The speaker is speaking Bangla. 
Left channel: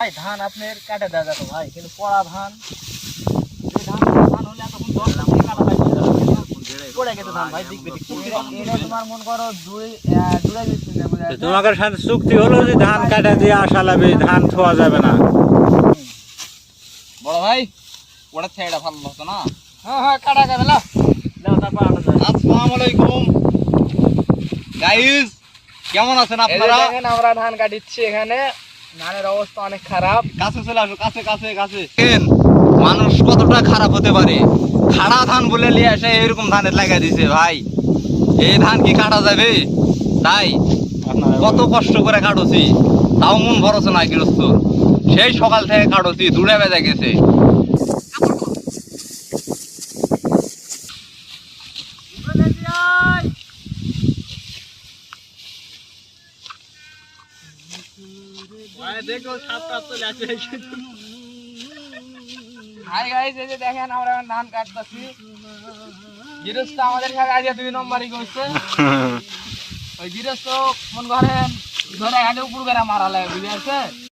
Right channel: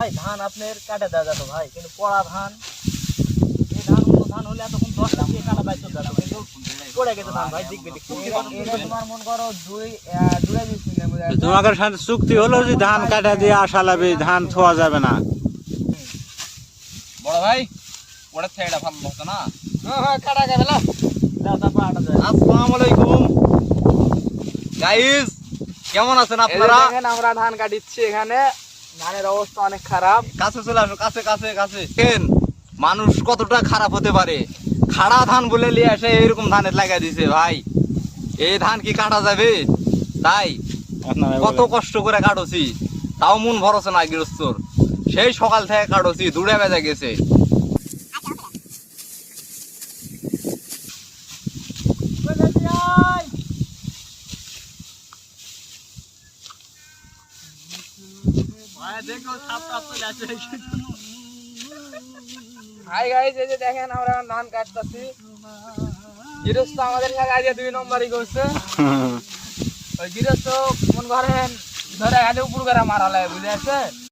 ভাই ধান আপনার কাটে দেওয়া যেত ভাই, কিন্তু পড়া ধান ধান হলে এতক্ষণ ধরলাম কাটা পাইছে পড়ে গেছে ধান ভাই। দেখবে তোমার মন করো তোমাদের সাথে চুক্তি হলো যে ধান কাটা দিয়ে আসা লাগবে, ধান থোয়া যাবে না। বড় ভাই ওটা ছেড়ে ভালো হতো না। হ্যাঁ কাটা যাবে না, তারপর আনা যায়। আসসালামু আলাইকুম গাইস, কেমন আছেন আপনারা? আমরা ধান কাটিচ্ছি, এখানে ধানের অবস্থা অনেক খারাপ। কাছে চলে আসো, কাছে কাছে কাছে। মানুষ কতটা খারাপ হতে পারে, খাড়া ধান বলে নিয়ে এসে এরকম ধানের লাগা দিছে ভাই। এই ধান কি কাটা যাবে? তাই কত কষ্ট করে কাটছি, তাও মন ভরসা না গৃহস্থ। সেই সকাল থেকে কাটছি, দূরে বেজে গেছে। হাই গাইস, এই যে দেখেন আমরা এখন ধান কাটতেছি। গৃহস্থ আমাদের সাথে আজ 2 নম্বরই করছে। ওই গৃহস্থ মন করেন ধরে খালি উপর করে মারা লাগে, বুঝে আছে।